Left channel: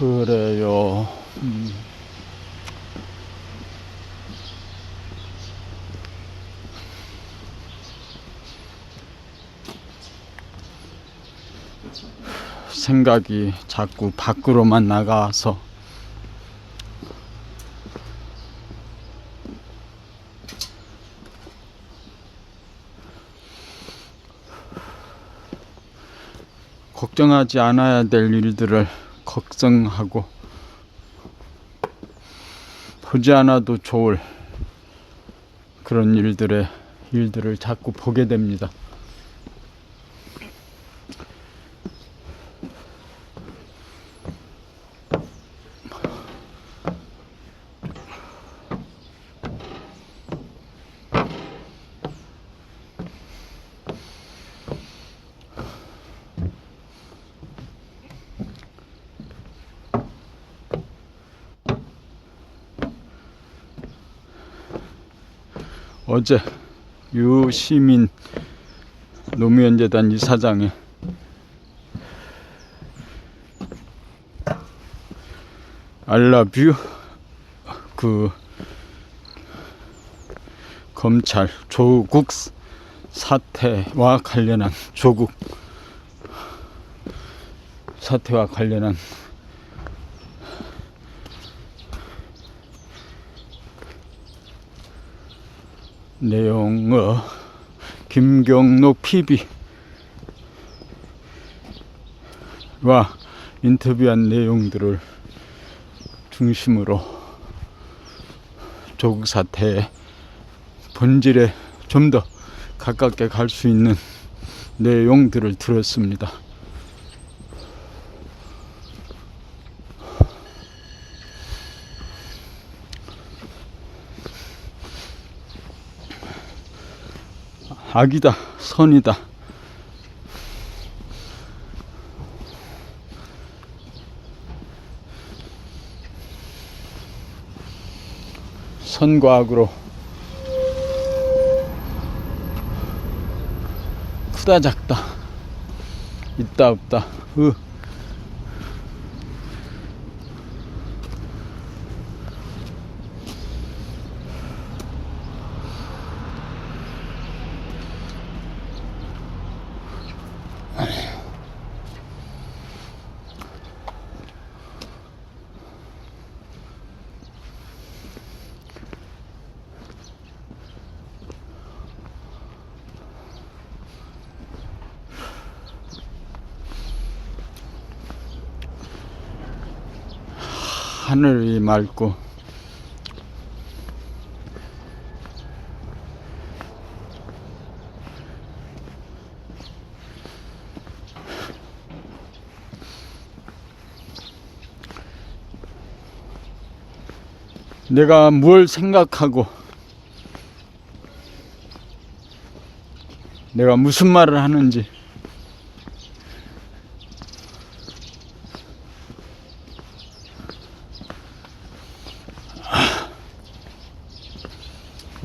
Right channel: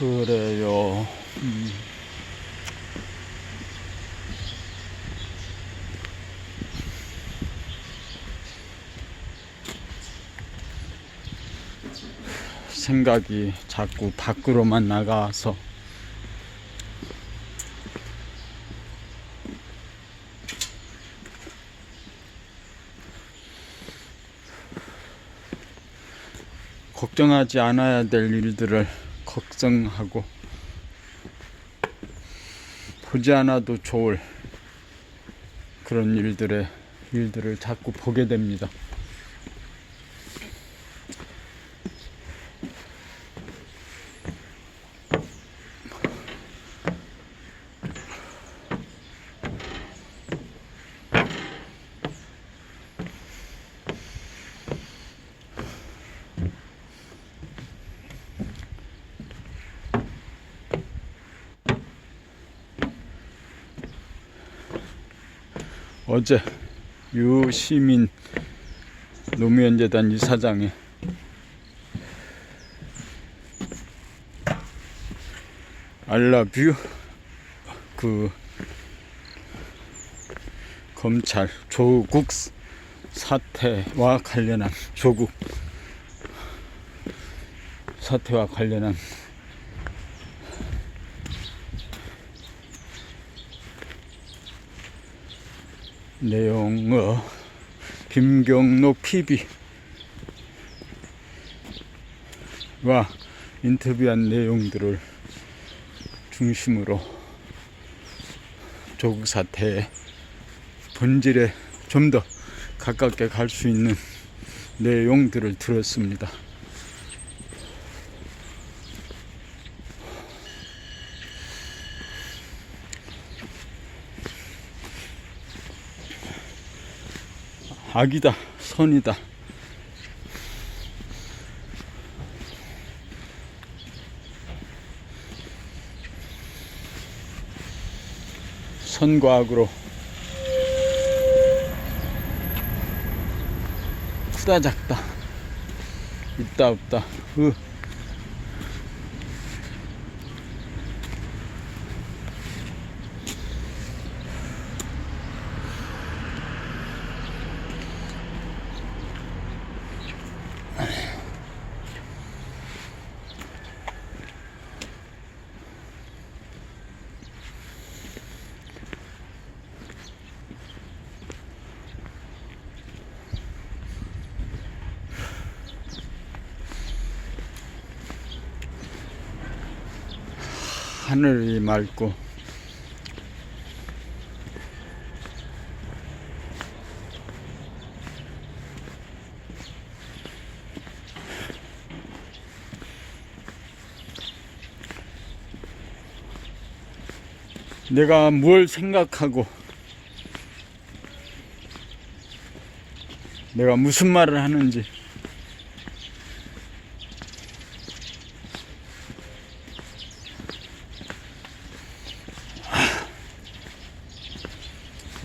그래요. 음. 생각이 자꾸 밖으로만 나가서 걱정하지 않아야 될 일들을 걱정하고 보지 않아도 좋을 그런 일들의 일들을 자꾸 보게 됩니다. 어제 유시민 노무현재단 이사장이 알라뷰 그 검찰 조국 사태와 관련한 조국 사태와 관련한 내용을 김경록 PB와 인터뷰한 내용들을 중심으로 조국 사태의 본질에 좀 더 가깝게 갈 수 있는 내용들을 들었습니다. 악이다, 선이다. 선과 악으로 크다 작다 있다 없다 으. 하늘이 맑고 내가 뭘 생각하고 내가 무슨 말을 하는지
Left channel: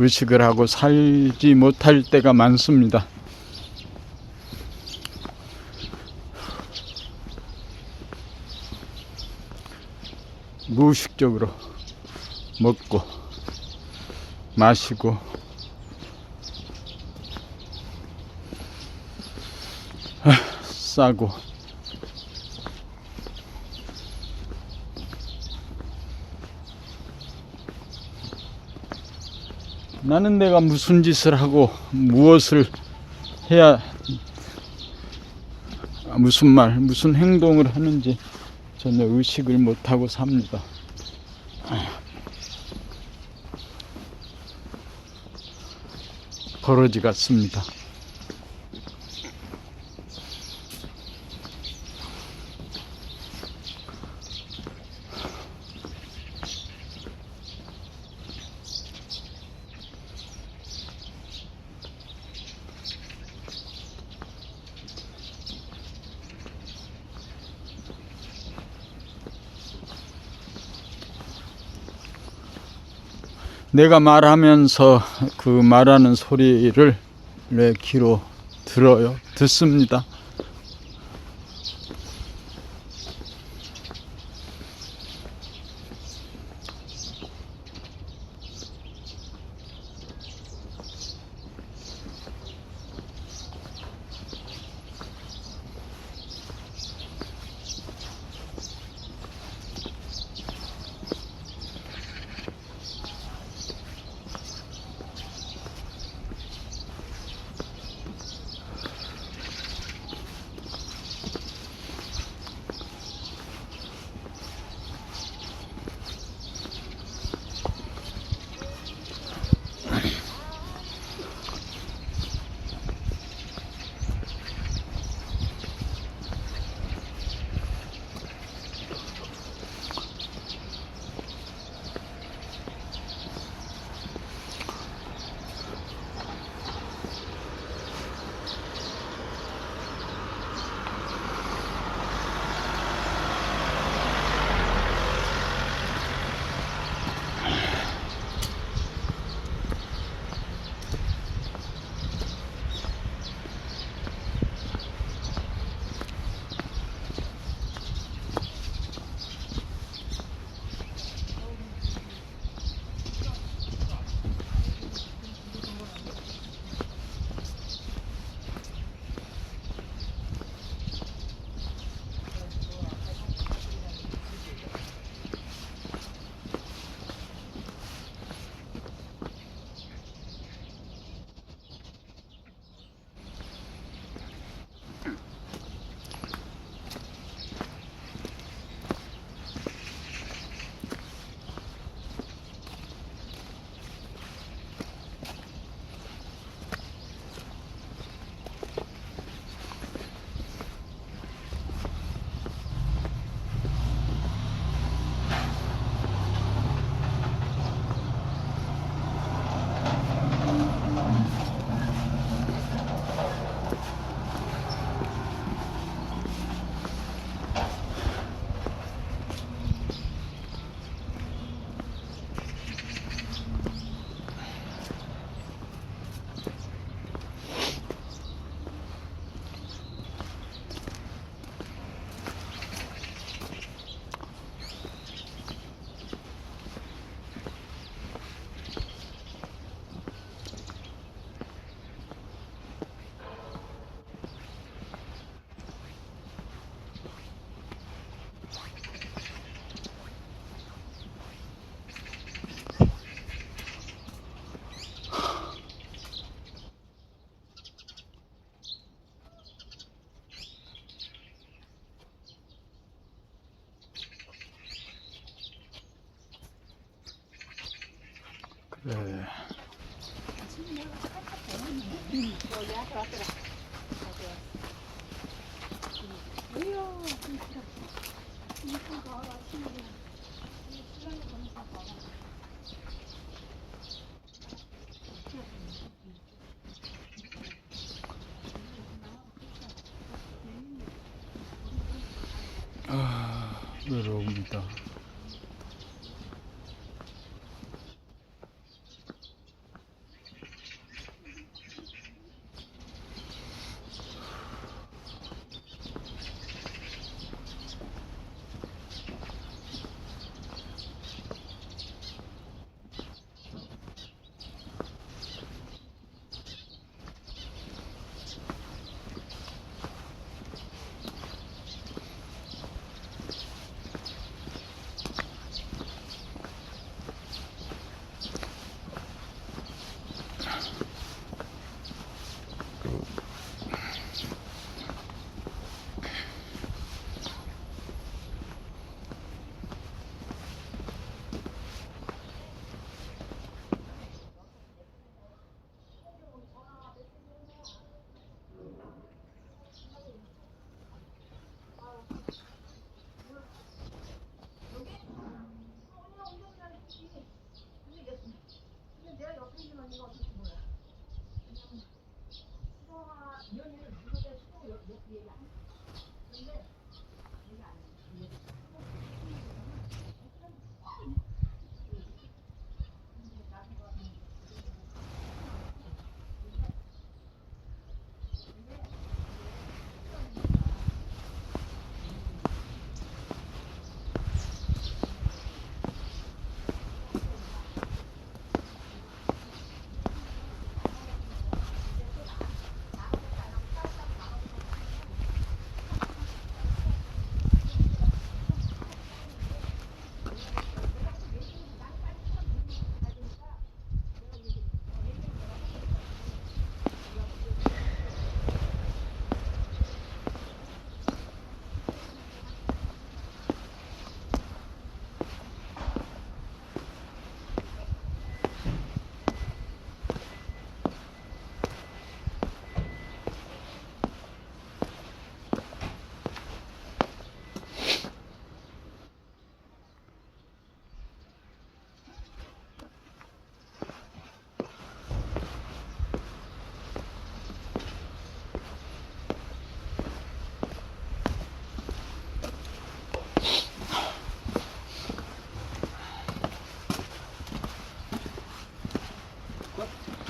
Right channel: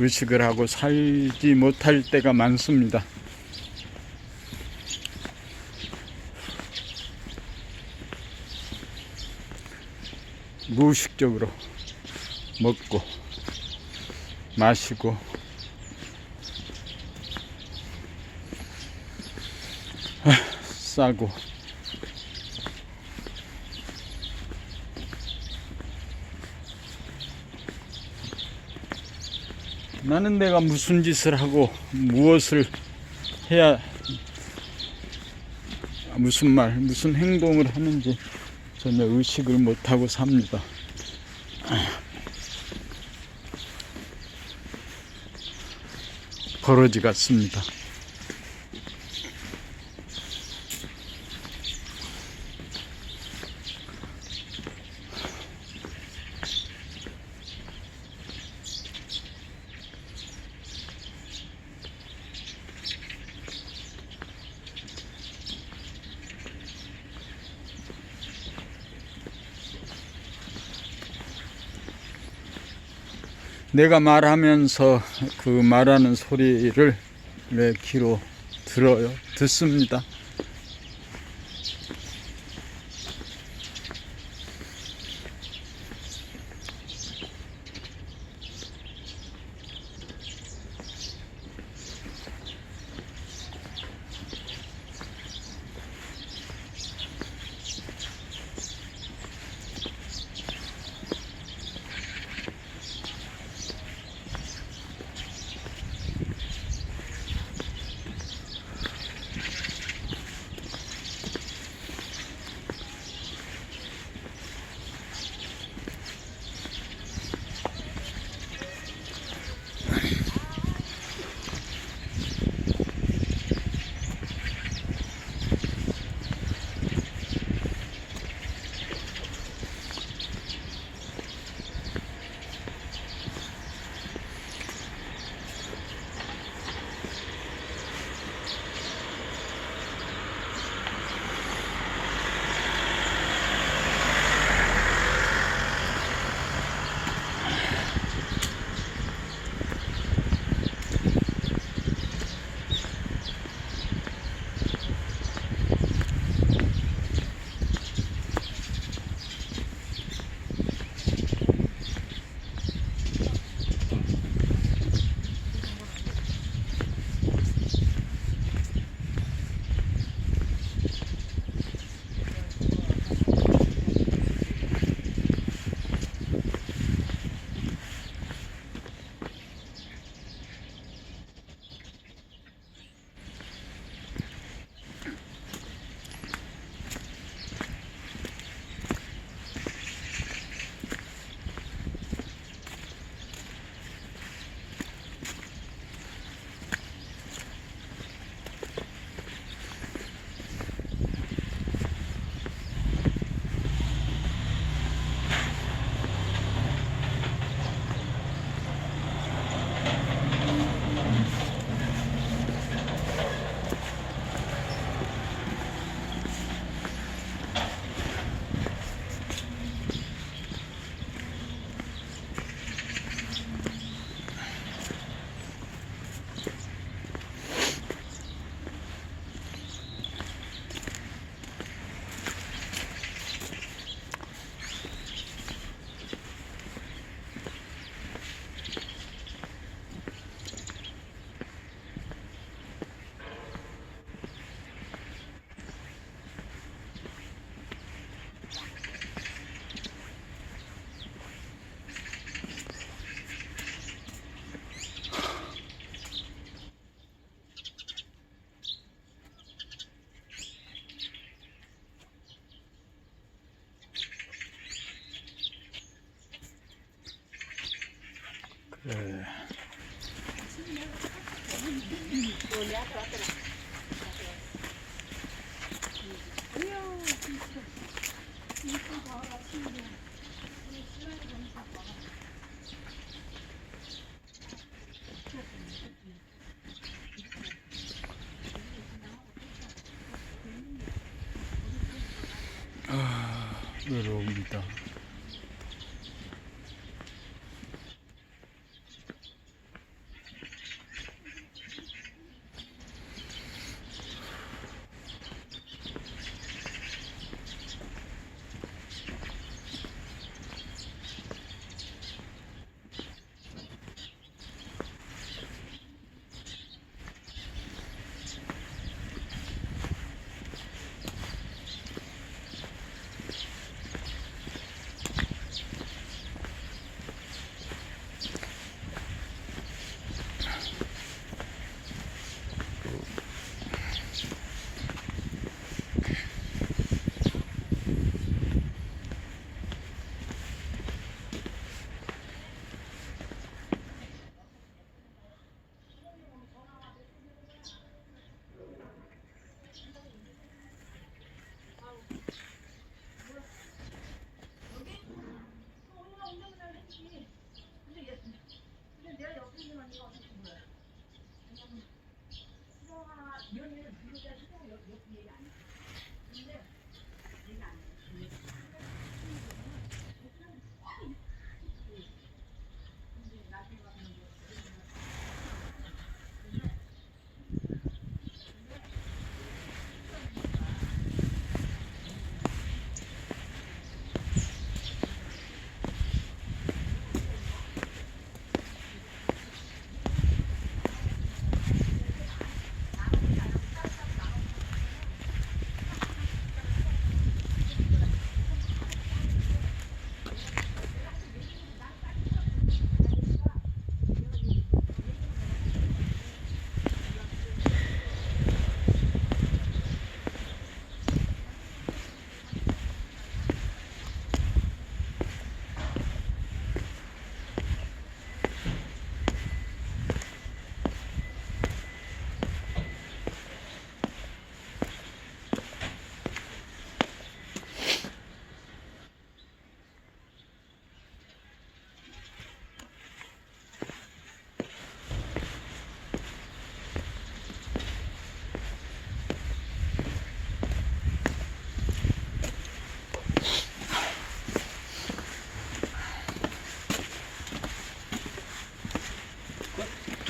의식을 하고 살지 못할 때가 많습니다. 무의식적으로 먹고 마시고 아, 싸고 나는 내가 무슨 짓을 하고 무엇을 해야 무슨 말, 무슨 행동을 하는지 전혀 의식을 못하고 삽니다. 버러지 같습니다. 내가 말하면서 그 말하는 소리를 내 귀로 들어요. 듣습니다. 对。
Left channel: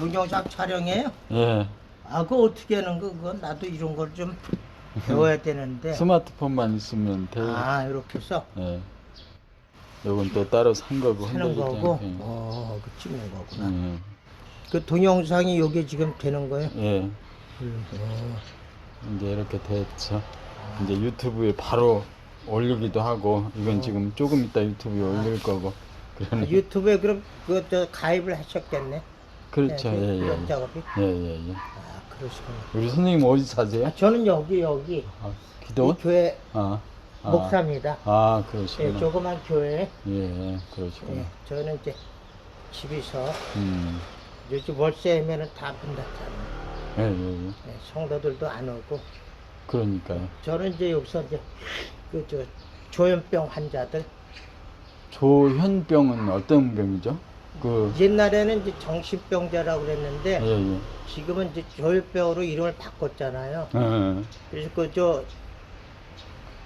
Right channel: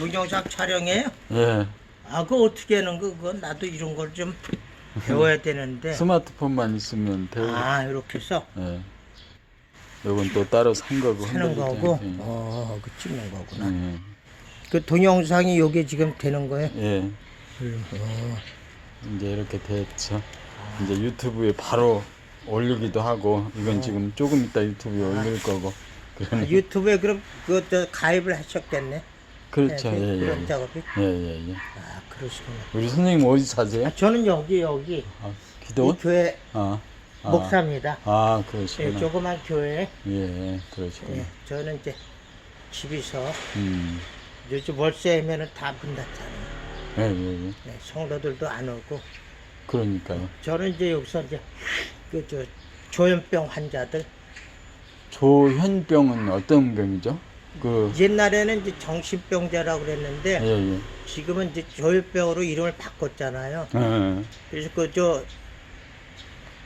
동영상 촬영해요? 예, 아, 그거 어떻게 하는 거? 그건 나도 이런 걸 좀 배워야 되는데. 스마트폰만 있으면 돼요. 아, 이렇게 해서 예. 요건 또 따로 산 거고 하는 거고. 예. 어, 그 찍는 거구나. 예. 그 동영상이 요게 지금 되는 거예요? 예. 어, 이제 이렇게 됐죠. 이제 유튜브에 바로 올리기도 하고 이건 지금 조금 이따 유튜브에 올릴 거고. 그러니 유튜브에 그럼 그것도 가입을 하셨겠네. 그렇죠. 네, 예, 예. 작업이. 예, 예, 예. 아, 그러시구나. 우리 선생님 어디 사세요? 저는 여기 여기 아, 이 기도원? 교회 아. 아. 목사입니다. 아, 예, 그러시구나. 조그만 교회. 예, 그러시구나. 예, 저는 이제 집에서 음. 요즘 월세면은 다문 닫잖아요. 예, 예, 예. 예, 성도들도 안 오고 그러니까요. 저는 이제 여기서 이제 그 저 조현병 환자들 조현병은 어떤 병이죠? 그 옛날에는 이제 정신병자라고 그랬는데 예, 예. 지금은 이제 조현병으로 이름을 바꿨잖아요. 어, 그래서 그 저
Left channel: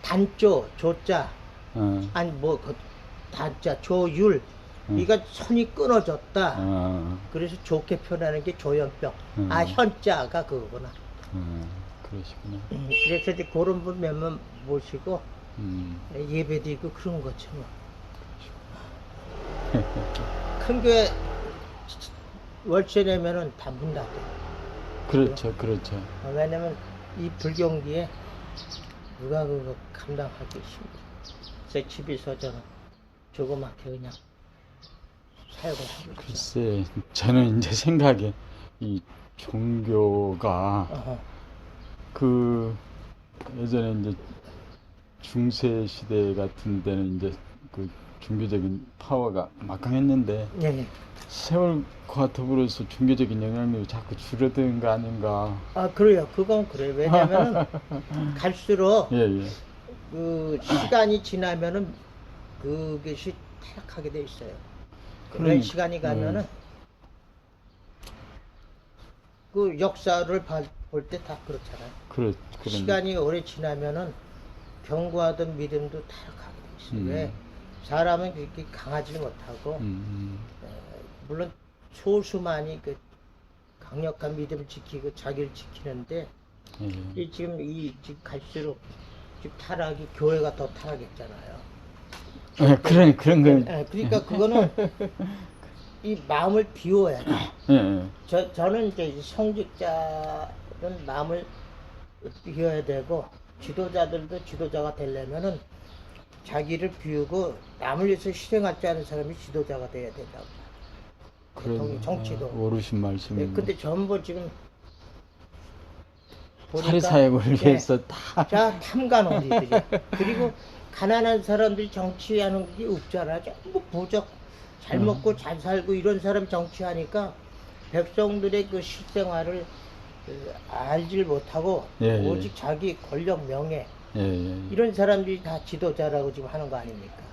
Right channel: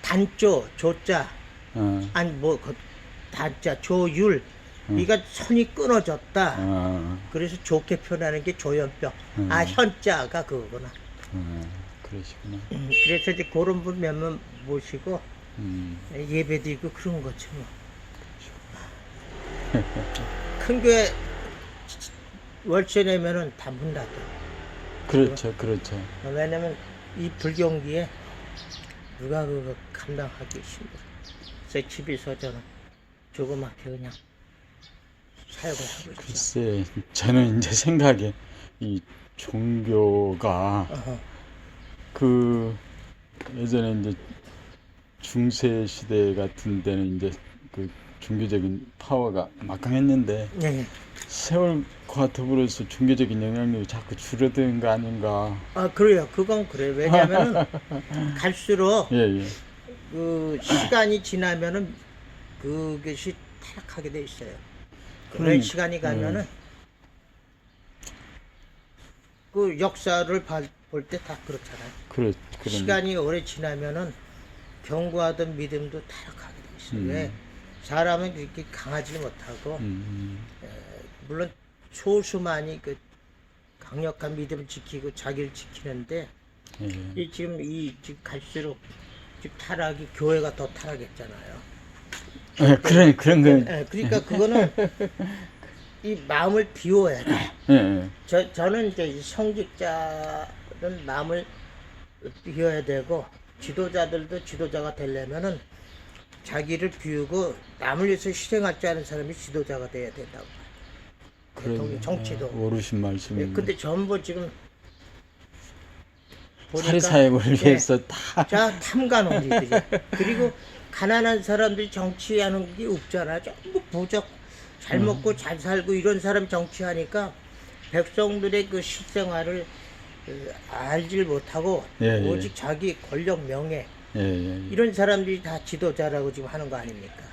단조 조자 어, 아니 뭐 그 단자 조율 음. 이가 선이 끊어졌다. 어, 그래서 좋게 표현하는 게 조현병. 음. 아 현자가 그거구나. 어, 그러시구나. 음, 그래서 이제 그런 분 몇 명 모시고 음, 예배드리고 그런 거지 뭐. 큰 교회 월세 내면은 다 문 닫아. 그렇죠, 그렇죠. 왜냐면 이 불경기에 누가 그거 감당하기 힘들어. 그래서 집에서 저는 조그맣게 그냥 사역을 하고 있어. 글쎄, 저는 이제 생각에 이 종교가 어허. 그 예전에 이제 중세 시대 같은 데는 이제 그 종교적인 파워가 막강했는데 예. 세월과 더불어서 종교적인 영향력이 자꾸 줄어드는 거 아닌가. 아 그래요. 그건 그래. 왜냐면은 갈수록 예, 예. 그 시간이 지나면은 그것이 타락하게 돼 있어요. 오랜 그러니까, 시간이 가면은 그 역사를 볼 때 다 그렇잖아요. 그렇, 그런. 시간이 오래 지나면은 경고하던 믿음도 타락하게 돼 있어요. 음. 왜 사람은 그렇게 강하지 못하고 음, 물론 소수만이 그 강력한 믿음을 지키고 자기를 지키는데 음, 예. 이 지금 이 지금 갈수록 지금 타락이 교회가 더 타락했잖아요. 예, 그런, 그런 거. 예, 그러니까 그거는 이 마음을 비워야 돼. 예, 예. 저 저는 이제 이 성직자는 마음을 비워야 되고 지도자들도 지도자가 되려면은 자기를 비우고 남을 위해서 줄 아는 사람이 지도자가 돼야 된다고. 그런 정치도. 아, 오르신 예, 말씀입니다. 근데 전부 지금 보니까 사리 사역을 예, 위해서 다자 탐관오리들이 그리고 가난한 사람들이 정치하는 게 없잖아 전부 부적 잘 먹고 잘 살고 이런 사람 정치하니까 백성들의 그 실생활을 그, 알질 못하고 예, 예. 오직 자기 권력 명예 예, 예. 이런 사람들이 다 지도자라고 지금 하는 거 아닙니까?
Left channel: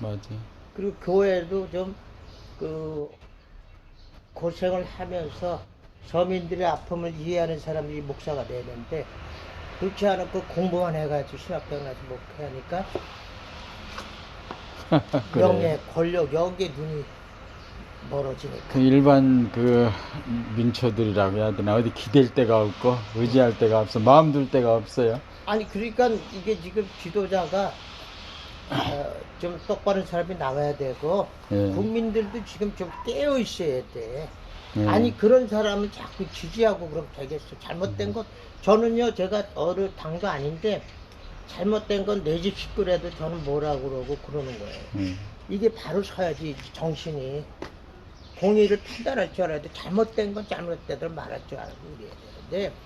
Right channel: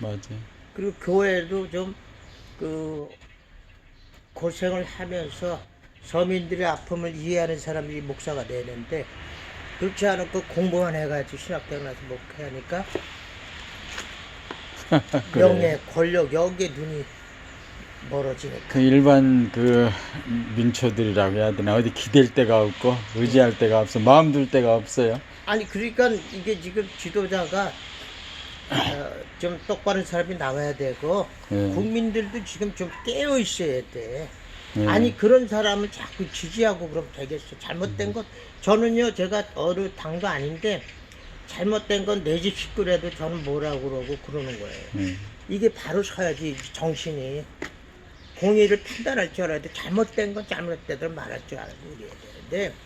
맞아. 그리고 교회도 좀그 고생을 하면서 서민들의 아픔을 이해하는 사람들이 목사가 되는데 그렇지 않고 공부만 해가지고 신학대학 나서 목회하니까 그래. 명예, 권력 여기에 눈이 멀어지니까 그 일반 그 민초들이라고 해야 되나 어디 기댈 데가 없고 의지할 데가 없어 마음 둘 데가 없어요. 아니 그러니까 이게 지금 지도자가 어, 좀 똑바른 사람이 나와야 되고 예. 국민들도 지금 좀 깨어 있어야 돼. 예. 아니 그런 사람을 자꾸 지지하고 그럼 되겠어. 잘못된 건 저는요 제가 어느 당도 아닌데 잘못된 건 내 집 식구라도 저는 뭐라고 그러고 그러는 거예요. 예. 이게 바로 서야지 정신이 공의를 판단할 줄 알아야 돼. 잘못된 건 잘못되도록 말할 줄 알고 그래야 되는데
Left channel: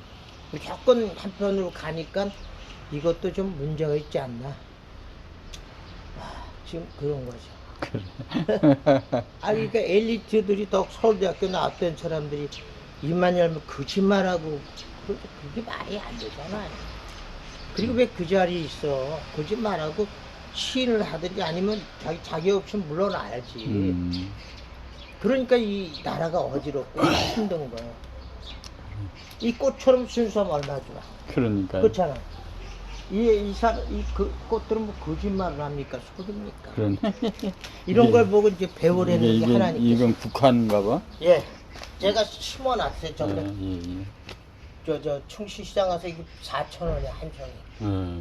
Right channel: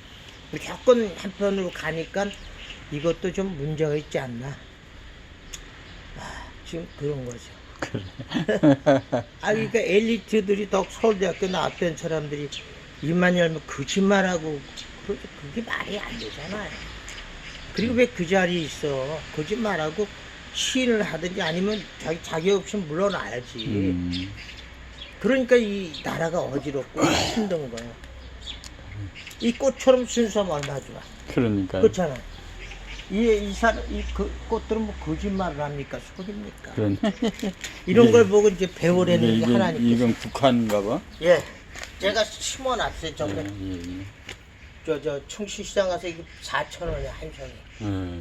무조건 한편으로 가니까 이것도 좀 문제가 있지 않나. 아, 지금 그런 거죠. 그래. 아, 그러니까 엘리트들이 더 서울대학교 나왔던 사람들이 입만 열면 거짓말하고 그- 그게 말이 안 되잖아 요. 그리고 왜 그 자리에 있어? 거짓말하고 시인을 하든지 아니면 자기 자기 없이 물러나야지. 음. 그러니까 이 나라가 어지럽고 힘든 거. 이 꽃처럼 순수하면 얼마나 좋아. 그러니까 그렇잖아. 이, 이 사람, 이 그, 꽃들은 뭐 거짓말을 합니까? 속입니까? 그런 이런 걸 보고 이제 배우려는 거 이게 하나님. 이건 북한인가 봐. 예. 제가 심어놨어요. 예, 저번에 예, 저, 저, 충시시장 가서 이거 4,000원에 한 송이.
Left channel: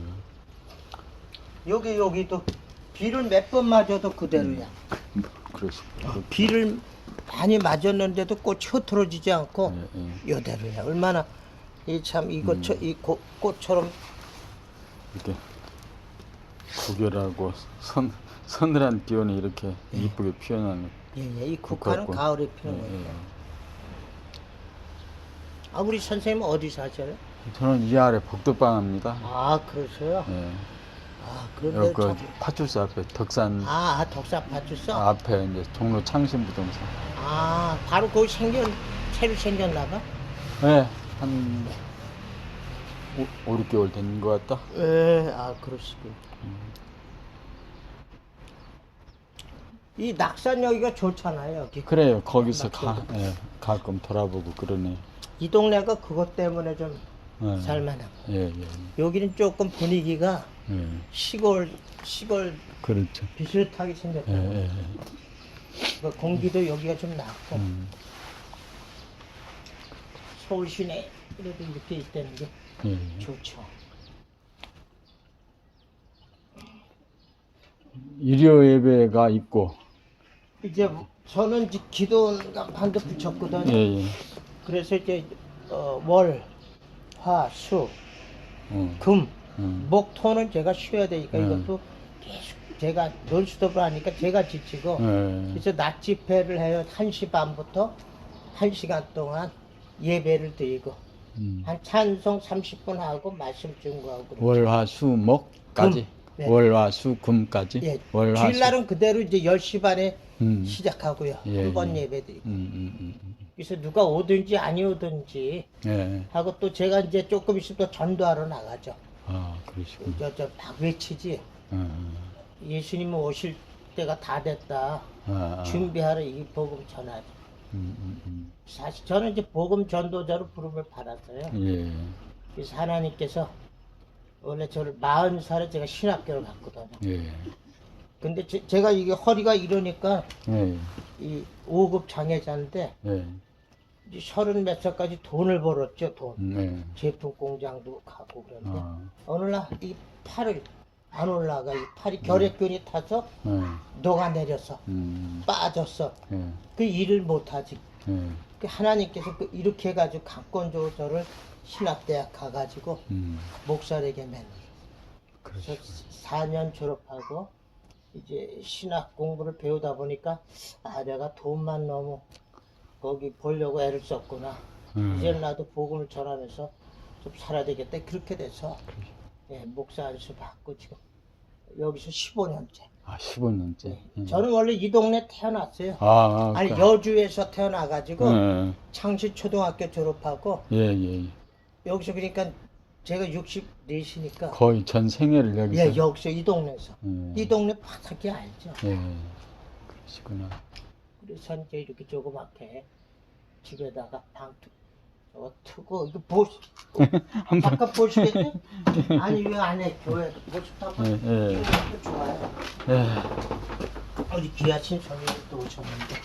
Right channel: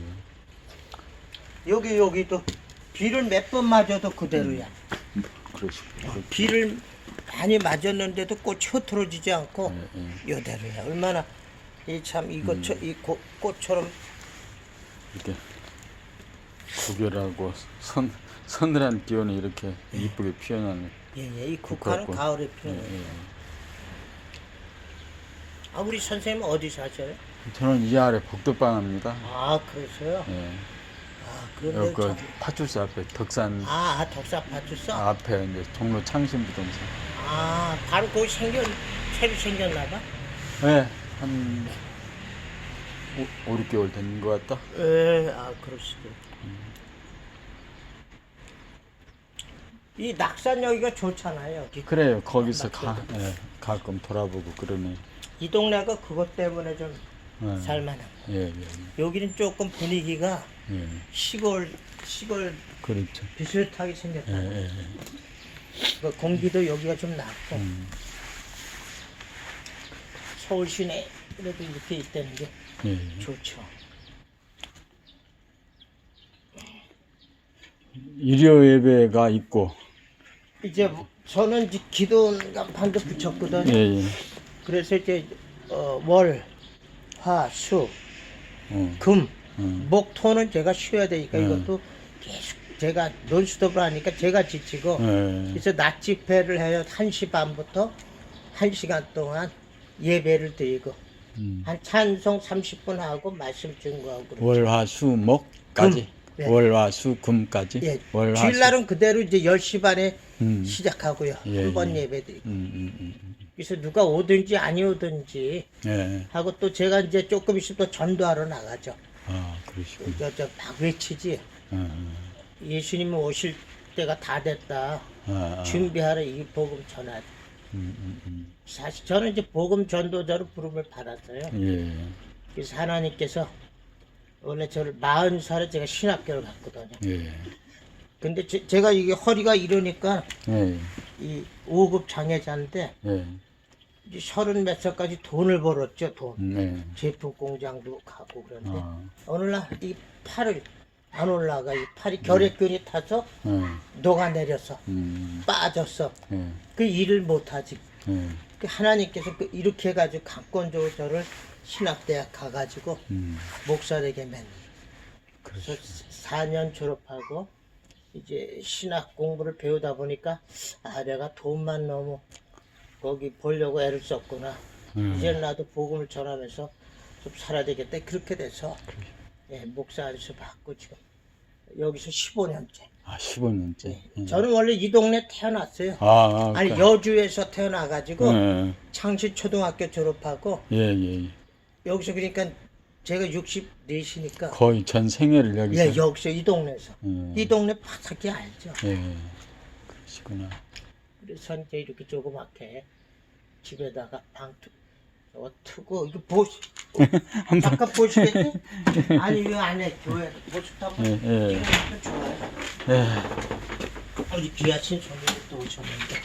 예. 여기, 여기도 비를 몇 번 맞아도 그대로야. 그러시고. 비를 많이 맞았는데도 꽃이 흐트러지지 않고 예, 예. 요대로야. 얼마나 이 참 이것 저, 이 고- 꽃처럼 이렇게 구결하고 선 서늘한 기온에 이렇게 이쁘게 피어나는. 예, 예. 이 국화는 국화꽃. 가을에 예, 피는 거예요. 예. 아, 우리 선생님 어디 사셔요? 저는 이 아래 복덕방입니다. 아, 그러세요? 예. 아, 그런데 여기 그 저기 파출소 앞에 덕산 아, 아, 덕사 파출소? 앞에 이제 종로 창신부동산. 아, 바로 거기 생겨 새로 생겼나 봐. 네, 한 5, 5, 6개월 된 것 같다. 예, 아, 그러시고. 이 낙산 여기가 좋잖아요. 여기. 그래요. 거기서 가, 예, 가끔 돌아보고 그러네. 이 동네가 그것 때문에 좀 예, 살만하고. 예, 예, 여기는 조금 분위기가 예. 시골, 시골 그렇죠. 비슷하게 예, 생겼다. 예, 예. 그 공기도 여기가 좀 낫고. 음, 서울 시내 그래도 이렇게 있다는 게 예, 예. 좋죠. 일요 예배가 있고, 이제 저는 이제 기도가 방금 붙였거든요. 예, 예. 그래서 이제 어, 월, 화, 수, 어, 금, 음. 목, 토는 제가 쉬어야 되니까 음. 이것도 계속 제가 논스톱을 하니까 제가 지치고 예, 그래서 낮 집회를 해요. 1시 반부터 1시간 동안 예배를 드리고 음. 한 찬송 30분 하고 말씀 증거하고 그러죠. 월, 화, 수, 목까지. 네. 월화수금까지. 예, 월화수. 주일날은 그대로 이제 10시 반에 음. 시작하고요. 예, 두번 예. 예. 배 드리고 음, 음, 음, 음. 그래서 누가 오든지 아니 오든지 예. 하고 또 제가 이제 조금 있으면 또 전도하러 나가죠. 아, 그러시군요. 저 저 막 외치지. 아, 예수님 오실 때가 다 됐다. 아, 아. 준비하러 이 복음 전하자. 음, 음, 음. 사실 저는 이제 복음 전도자로 부름을 받았어요. 예. 그래서 하나님께서 원래 저를 40살에 제가 신학교를 갔거든요. 예. 근데 제, 가 이게 허리가 이러니까 예. 이 5급 장애자인데 예. 이제 서른 몇 살까지 돈을 벌었죠, 돈. 네. 제품 공장도 가고 그런데 아. 어느 날 이 팔을 안 올라가 이 팔이 결핵균이 타서 예. 녹아내려서 음. 빠졌어. 예. 그 일을 못하지. 예. 그 하나님께서 그 이렇게 해가지고 강권적으로 저를 신학대학 가가지고 음. 목사에게 맨 그래서 그러시군요. 4년 졸업하고 이제 신학 공부를 배우다 보니까 아 내가 돈만 너무 거기 보려고 애를 썼구나. 음. 이제 나도 복음을 전하면서 좀 살아야 되겠다. 그렇게 돼서 예, 목사 안수 받고 지금 여기서 15년째. 아, 15년째. 예. 저는 원래 이 동네 태어났어요. 아, 아, 아니 그- 여주에서 태어나가지고 예. 창시 초등학교 졸업하고 예, 예. 여기서 그러니까 제가 64시니까 거의 전 생애를 여기서. 예 여기서 이 동네에서 예. 이 동네 바삭히 알죠. 예. 그러시구나. 그래서 이제 이렇게 조그맣게 집에다가 방 트고 이거 보시 잠깐 보시겠지? 아니 이 안에 교회 보시다가 예, 예. 이것도 좋아요. 예. 우리 귀하신 손님이 또 오셨는데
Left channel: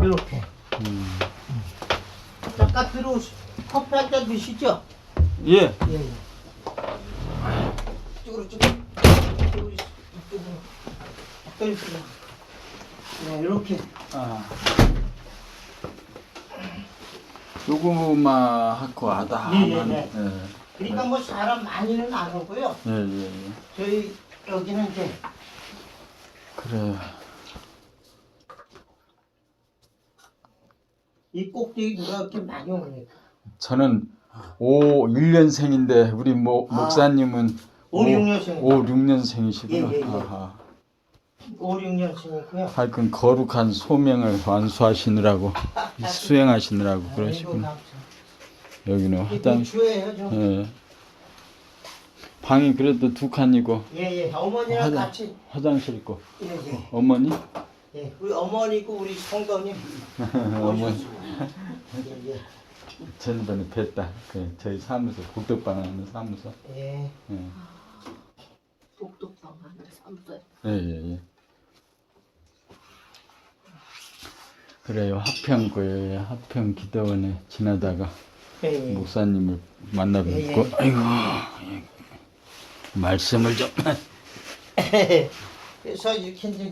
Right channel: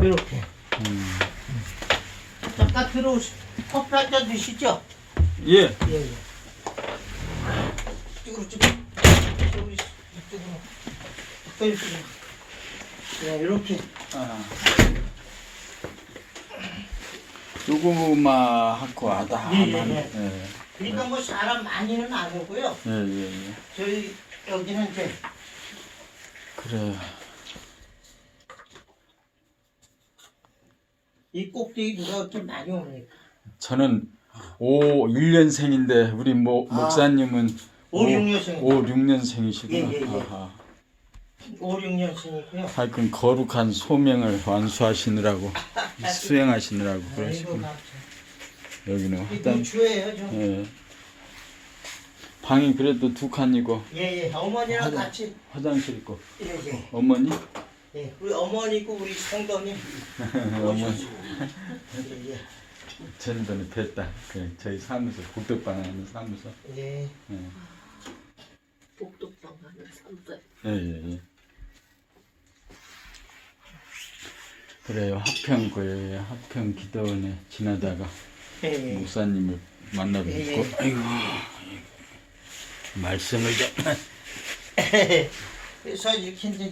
이렇게 음. 잠깐 들어오시 커피 한 잔 드시죠? 예. 예, 예. 이쪽으로 좀, 이쪽으로, 이쪽으로. 가까이 좀. 네, 이렇게. 아. 요거만 하고 하다. 예, 예, 하면, 예. 예. 그러니까 뭐 사람 많이는 안 오고요. 예, 예, 예. 저희 여기는 이제 그래. 이 꼭대기 누가 이렇게 많이 옵니까? 저는 5, 1년생인데 우리 모, 아. 목사님은 오, 육 년생. 5, 6년생이시구나. 예, 예, 예. 아하. 5, 6년생이고요. 하여튼 거룩한 소명을 완수하시느라고 수행하시느라고 그러시구나. 여기는 화장 주예요, 좀. 예. 방이 그래도 두 칸이고 예, 예. 어머니랑 화장- 같이. 화장실 있고 예, 예. 어머니 예. 우리 어머니고 우리 성도님. 어머니. 예, 예. 전번에 뵀다 그 저희 사무소 복덕방 하는 사무소 예. 예. 복덕방 하는 삼대. 예, 예, 예. 그래요 하평구에 하평 기도원에 지나다가 예, 예. 목사님을 만나러 예, 있고 예. 아이고 예. 말씀을 좀 그래서 이렇게 이제